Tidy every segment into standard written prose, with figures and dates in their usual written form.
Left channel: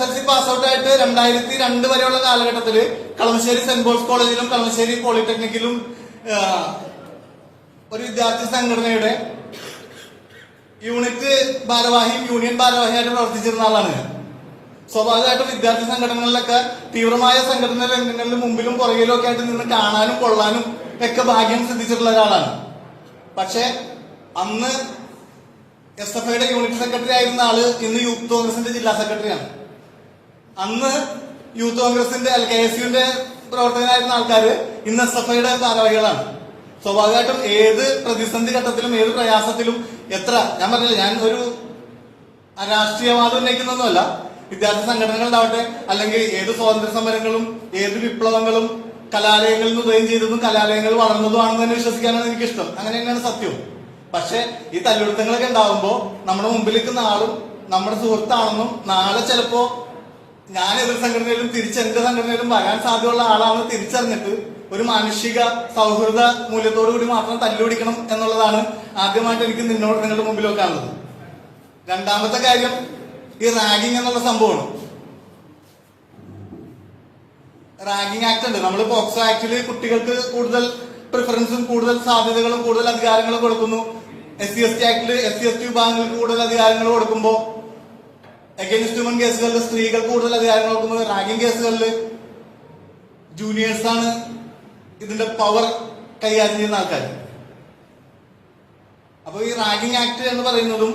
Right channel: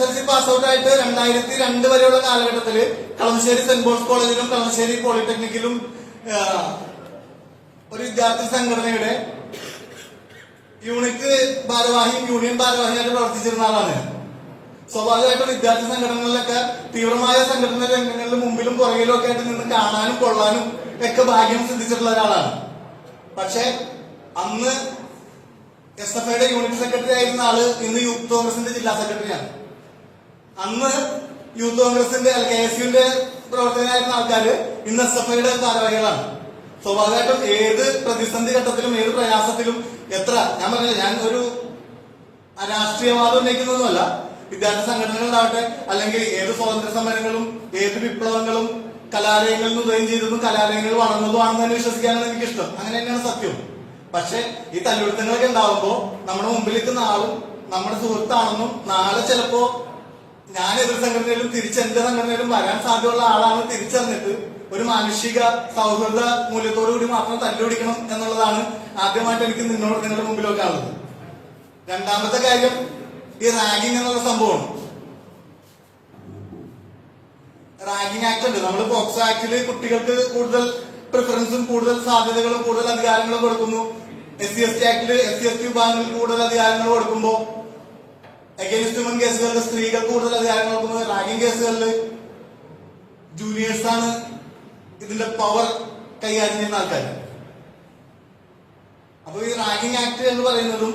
SSLC pass out ആയിട്ട് 2002 വരെയുള്ള കാലഘട്ടത്തില് കളമശ്ശേരി സെന്റ് പോൾസ് കോളേജിലും കളമശ്ശേരി പോളിടെക്നിക്കിലും ഒരു വിദ്യാർത്ഥി സംഘടനയുടെ യൂണിറ്റ് ഭാരവാഹിയും യൂണിയൻ ഭാരവാഹിയായിട്ട് പ്രവർത്തിച്ചിരുന്ന ആളാണ്. സ്വാഭാവികമായിട്ടും വിദ്യാർത്ഥി സംഘടനകളിലൊക്കെ തീവ്രമായ സംഘടന രംഗങ്ങളിൽ മുമ്പിലും പുറകിലും ഒക്കെ ആയിട്ട് നിന്ന് കാണാനും കൊള്ളാനും ഒക്കെ ഭാഗ്യം സിദ്ധിച്ചിട്ടുള്ള ഒരാളാണ്. പക്ഷെ അന്ന് SFIയുടെ യൂണിറ്റ് സെക്രട്ടറി ആയിരുന്ന ആള് ഇന്ന് യൂത്ത് കോൺഗ്രസിന്റെ ജില്ലാ സെക്രട്ടറിയാണ്. അന്ന് യൂത്ത് കോൺഗ്രസിന്റെ KSUവിന്റെ പ്രവർത്തകരായിരുന്ന ആൾക്കാര് ഇന്ന് SFIയുടെ ഭാരവാഹികളാണ്. സ്വാഭാവികമായിട്ടും ഏത് പ്രതിസന്ധി ഘട്ടത്തിലും ഏത് പ്രയാസത്തിലും ഞാൻ പറഞ്ഞില്ല, ഞാൻ ഒരു രാഷ്ട്രീയവാദം ഉന്നയിക്കുന്നൊന്നുമല്ല. വിദ്യാർത്ഥി സംഘടനകളുണ്ടാവട്ടെ, അല്ലെങ്കിൽ ഏത് സ്വാതന്ത്ര്യ സമരങ്ങളും ഏത് വിപ്ലവങ്ങളും കലാലയങ്ങളിൽ നിന്ന് ഉദയം ചെയ്തതും കലാലയങ്ങൾ വളർന്നതുമാണെന്ന് തന്നെ വിശ്വസിക്കാനാണ് എനിക്കിഷ്ടം. അങ്ങനെ തന്നെയാണ് സത്യം. പക്ഷെ ഈ തല്ലുപിടുത്തങ്ങളൊക്കെ ഉണ്ടാവുമ്പോ നമ്മുടെ മുമ്പിൽ നിൽക്കുന്ന ആളും നമ്മുടെ സുഹൃത്താണെന്നും നാളെ ചിലപ്പോ ഞാൻ എതിർ സംഘടനയിലും എന്റെ സംഘടനയിലും വരാൻ സാധ്യതയുള്ള ആളാണ് തിരിച്ചറിഞ്ഞിട്ട് ഒരു മാനുഷിക സൗഹൃദ മൂല്യത്തോടു കൂടി മാത്രം തല്ലുപിടിക്കണം എന്നുള്ളതാണ് ആദ്യമായിട്ട് എനിക്ക് നിങ്ങളുടെ മുമ്പിലൊക്കെ ഉള്ളത്. രണ്ടാമത്തെ കാര്യം ഈ റാഗിങ് എന്നുള്ള സംഭവമാണ്. റാഗിങ് ആക്ട് ഉണ്ട്. നമ്മൾ പോക്സോ ആക്ടില് കുട്ടികൾക്ക് കൂടുതൽ പ്രിഫറൻസും കൂടുതൽ സാധ്യതകളും കൂടുതൽ അധികാരങ്ങളും കൊടുക്കുന്നു. SC/ST ആക്ടില് SC/ST വിഭാഗങ്ങൾക്ക് കൂടുതൽ അധികാരങ്ങൾ കൊടുക്കുമ്പോൾ അഗൈൻസ്റ്റ് വുമൺ കേസുകളിൽ സ്ത്രീകൾക്ക് കൂടുതൽ അധികാരങ്ങൾ കൊടുക്കുന്നത്. റാഗിങ് കേസുകളിൽ ജൂനിയേഴ്സാണ് ഇതിന്റെ പവർ കൈകാര്യം ചെയ്യുന്ന ആൾക്കാർ. അപ്പൊ ഈ റാഗിങ് ആക്ട് എന്ന് പറയുന്നതും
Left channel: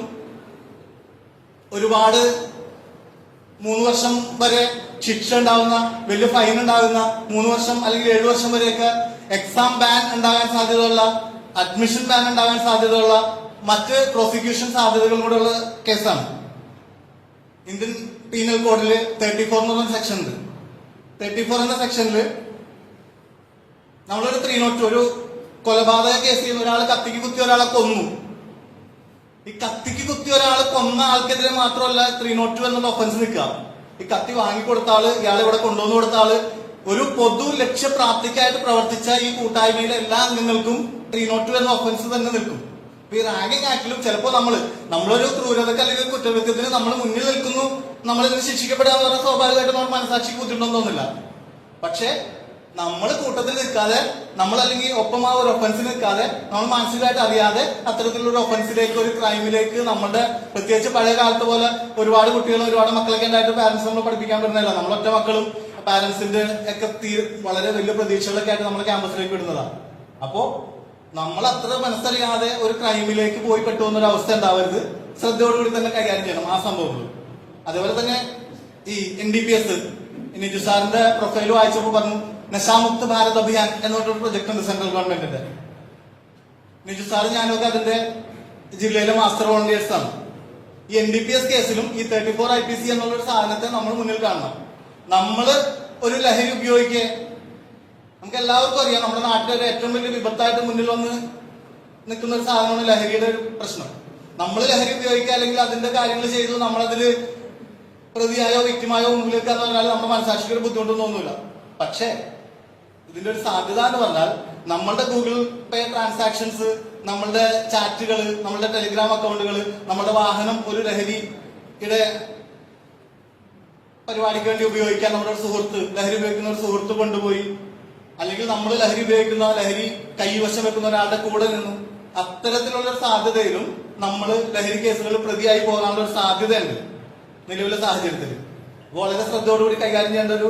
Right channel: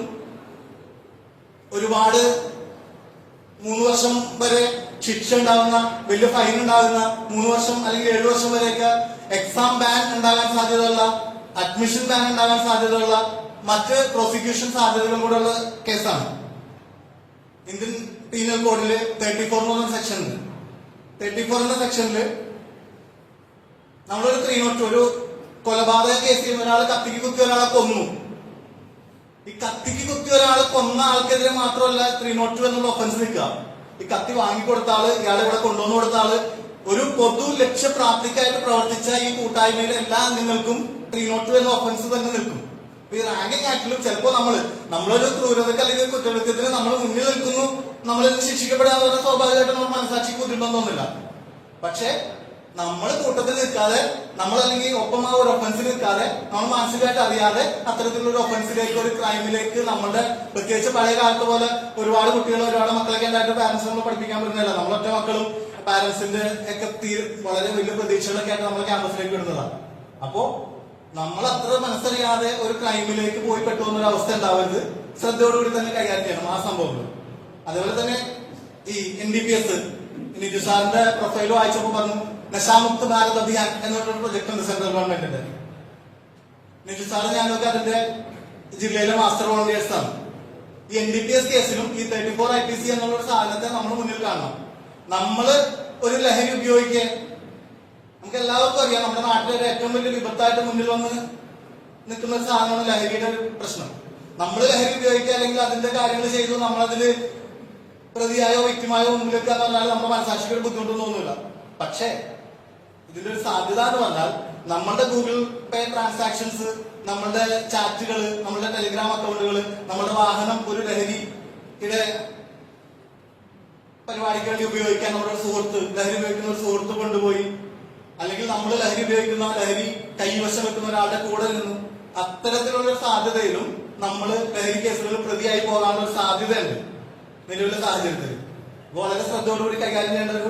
ഒരുപാട് 3 വർഷം വരെ ശിക്ഷ ഉണ്ടാകുന്ന, വലിയ ഫൈൻ ഉണ്ടാകുന്ന, 3 വർഷം അല്ലെങ്കിൽ 7 വർഷം വരെയൊക്കെ എക്സാം ബാൻ ഉണ്ടാകാൻ സാധ്യതയുള്ള, അഡ്മിഷൻ ബാൻ ഉണ്ടാകാൻ സാധ്യതയുള്ള, മറ്റ് പ്രോസിക്യൂഷൻ സാധ്യതകളും കൂടെയുള്ള കേസാണ്. ഇന്ത്യൻ പീനൽ കോഡില് 34 എന്ന് പറഞ്ഞ സെക്ഷൻ ഉണ്ട്. 34 എന്ന സെക്ഷനിൽ നമ്മളൊരു 302 ഒരു കൊലപാതക കേസിൽ ഒരാൾ കത്തിക്ക് കുത്തി ഒരാളെ കൊന്നു. ഈ കത്തിക്ക് കുത്തി ഒരാൾ കൊന്ന ആൾക്കെതിരെ മാത്രമല്ല 302 എന്നുള്ള ഒഫൻസ് നിൽക്കുക. ഈ കത്തി വാങ്ങിക്കൊടുത്ത ആള്, ഇയാളെ ഇവിടെ കൊണ്ടുവന്നു കൊടുത്ത ആള്, ഒരു പൊതു ലക്ഷ്യപ്രാപ്തിക്കായിട്ട് പ്രവർത്തിച്ച ഈ കൂട്ടായ്മയിലെ എല്ലാ അംഗങ്ങൾക്കും 302 എന്ന ഒഫൻസ് തന്നെ നിൽക്കും. ഈ റാഗിങ് ആക്ടിലും ചിലപ്പോ നമ്മളൊരു ക്രൂരതക്ക് അല്ലെങ്കിൽ കുറ്റകൃത്യത്തിന് നമ്മൾ മുന്നിൽ നിൽക്കുന്നു, നമ്മളിന്ന് ശിക്ഷിക്കപ്പെടാന്ന് പറഞ്ഞാൽ സ്വാഭാവികമായിട്ട് നമ്മൾ മനസാക്ഷിക്ക് ബുദ്ധിമുട്ടൊന്നുമില്ല. പക്ഷെ നമ്മൾ കൂട്ടത്തിൽ നിൽക്കാതെ, നമ്മളല്ലെങ്കിൽ ഒപ്പം ആ ഒരു ഒഫൻസിൽ നിൽക്കാതെ, നമ്മൾ മാനസികമായിട്ട് അറിയാതെ അത്തരത്തിലുള്ള ഒരു ഒഫൻസിലേക്ക്, ഒരു ക്രൈമിലേക്ക് നമ്മുടെ, പ്രത്യേകിച്ച് പഴയ കാലത്ത് പോലെ ഒരുപാട് കുട്ടികൾ ഒരുപാട് മക്കളൊക്കെ ഉണ്ടായിട്ട് പാരന്റ്സ് നമ്മൾ പഠിപ്പിക്കാൻ പറ്റുന്നില്ല. നമ്മളൊറ്റ മക്കളും പാരന്റ്സിന്റെ ഒക്കെ വളരെ വലിയ പ്രതീക്ഷകളൊക്കെ ആയിട്ട് നമ്മൾ ക്യാമ്പസിലേക്ക് വിടുന്നതാണ്. അപ്പോ നമ്മൾ അത്ര മനസ്സറിയാതെ ഒരു ക്രൈമിലേക്ക് പോയി പെട്ടുന്ന ഒരു അവസ്ഥ ഉണ്ടാവരുത്. ശ്രദ്ധയോടുകൂടി തന്നെ കൈകാര്യം ചെയ്യണം ആ സംഭവങ്ങൾ. അതേപോലെ തന്നെ ഈ NDPS നിജു സാറിന്റെ പ്രൊഫൈൽ വായിച്ചപ്പോൾ പറഞ്ഞു നശാമുക്ത് ഭാരത് അഭിയാൻ എന്നൊരു പ്രൊജക്ട് ഉണ്ട് സെൻട്രൽ ഗവൺമെന്റിന്റെ. നിജു സാറ് ഞാനൊക്കെ അതിന്റെ ജില്ലയിലെ മാസ്റ്റർ വോളണ്ടിയേഴ്സ് ആണ്. ഈ NDPS കേസിലും ഈ 34 IPC എന്നുള്ള ഒരു സാധനത്തെ നമ്മൾ മുന്നിൽ കാണണം. നമ്മള് ഒരു ലഹരി ഉപയോഗിക്കുക, നമുക്ക് എല്ലാവർക്കും അറിയാം, നമ്മുടെ നാട്ടിലൊരു ഏറ്റവും വലിയ വിപത്തായിട്ട് മുന്നിൽ വന്ന് നിൽക്കുന്ന ഒരു സാധനമാണ് ലഹരിയുടെ ഒരു പ്രശ്നം. നമ്മൾ ലഹരി ഉപയോഗിക്കുക അല്ലെങ്കിൽ അതിന്റെ കാര്യങ്ങൾ ചെയ്തു നമ്മളതില് പ്രതിയായോ വ്യക്തിമായോ മുന്നിലേക്ക് പറഞ്ഞാൽ നമ്മുടെ മനസാക്ഷിക്ക് ബുദ്ധിമുട്ടൊന്നും തോന്നില്ല. പക്ഷെ ഇതിന്റെ ഒരു സാധ്യത എന്ന് പറഞ്ഞാൽ നമ്മളുടെ ഗൂഗിൾ പേ ട്രാൻസാക്ഷൻസ്, നമ്മളുടെ ചാറ്റുകൾ, നമ്മളുടെ ടെലിഗ്രാം അക്കൗണ്ടുകൾ, നമ്മുടെ വാഹനം ഒരു ലഹരിയുടെ പരിപാടിക്ക് വേണ്ടി ഉപയോഗിക്കാൻ നമ്മുടെ സുഹൃത്ത്, ലഹരി ഉപയോഗിക്കുന്ന ഒരു സുഹൃത്ത് കൊണ്ടുപോയി, അല്ലെങ്കിൽ നമ്മൾ ലഹരി ഉപയോഗിക്കുന്ന, ലഹരി കൈവശം വെക്കുന്ന ഒരാളുടെ കൂടെ നിന്ന്, അത്തരത്തിലുള്ള സാധ്യതയിലും നമ്മൾ ലഹരി കേസുകളിൽ പ്രതിയായി പോകാനുള്ള ഒരു സാധ്യതയുണ്ട് നിലവിലെ സാഹചര്യത്തിൽ. വളരെ ശ്രദ്ധയോടുകൂടി കൈകാര്യം ചെയ്യേണ്ട ഒരു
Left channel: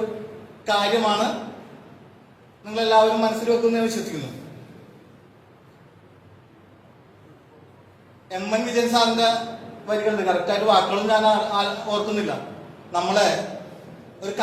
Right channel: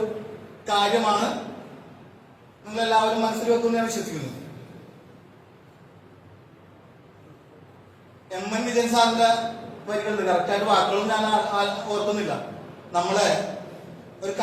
കാര്യമാണ്. നിങ്ങൾ എല്ലാവരും മനസ്സിൽ വെക്കുമെന്ന് ഞാൻ വിശ്വസിക്കുന്നു. MN വിജയൻ സാറിന്റെ വരികളുണ്ട്, കറക്റ്റായിട്ട് വാക്കുകളും ഞാൻ ഓർക്കുന്നില്ല. നമ്മളെ ഒരു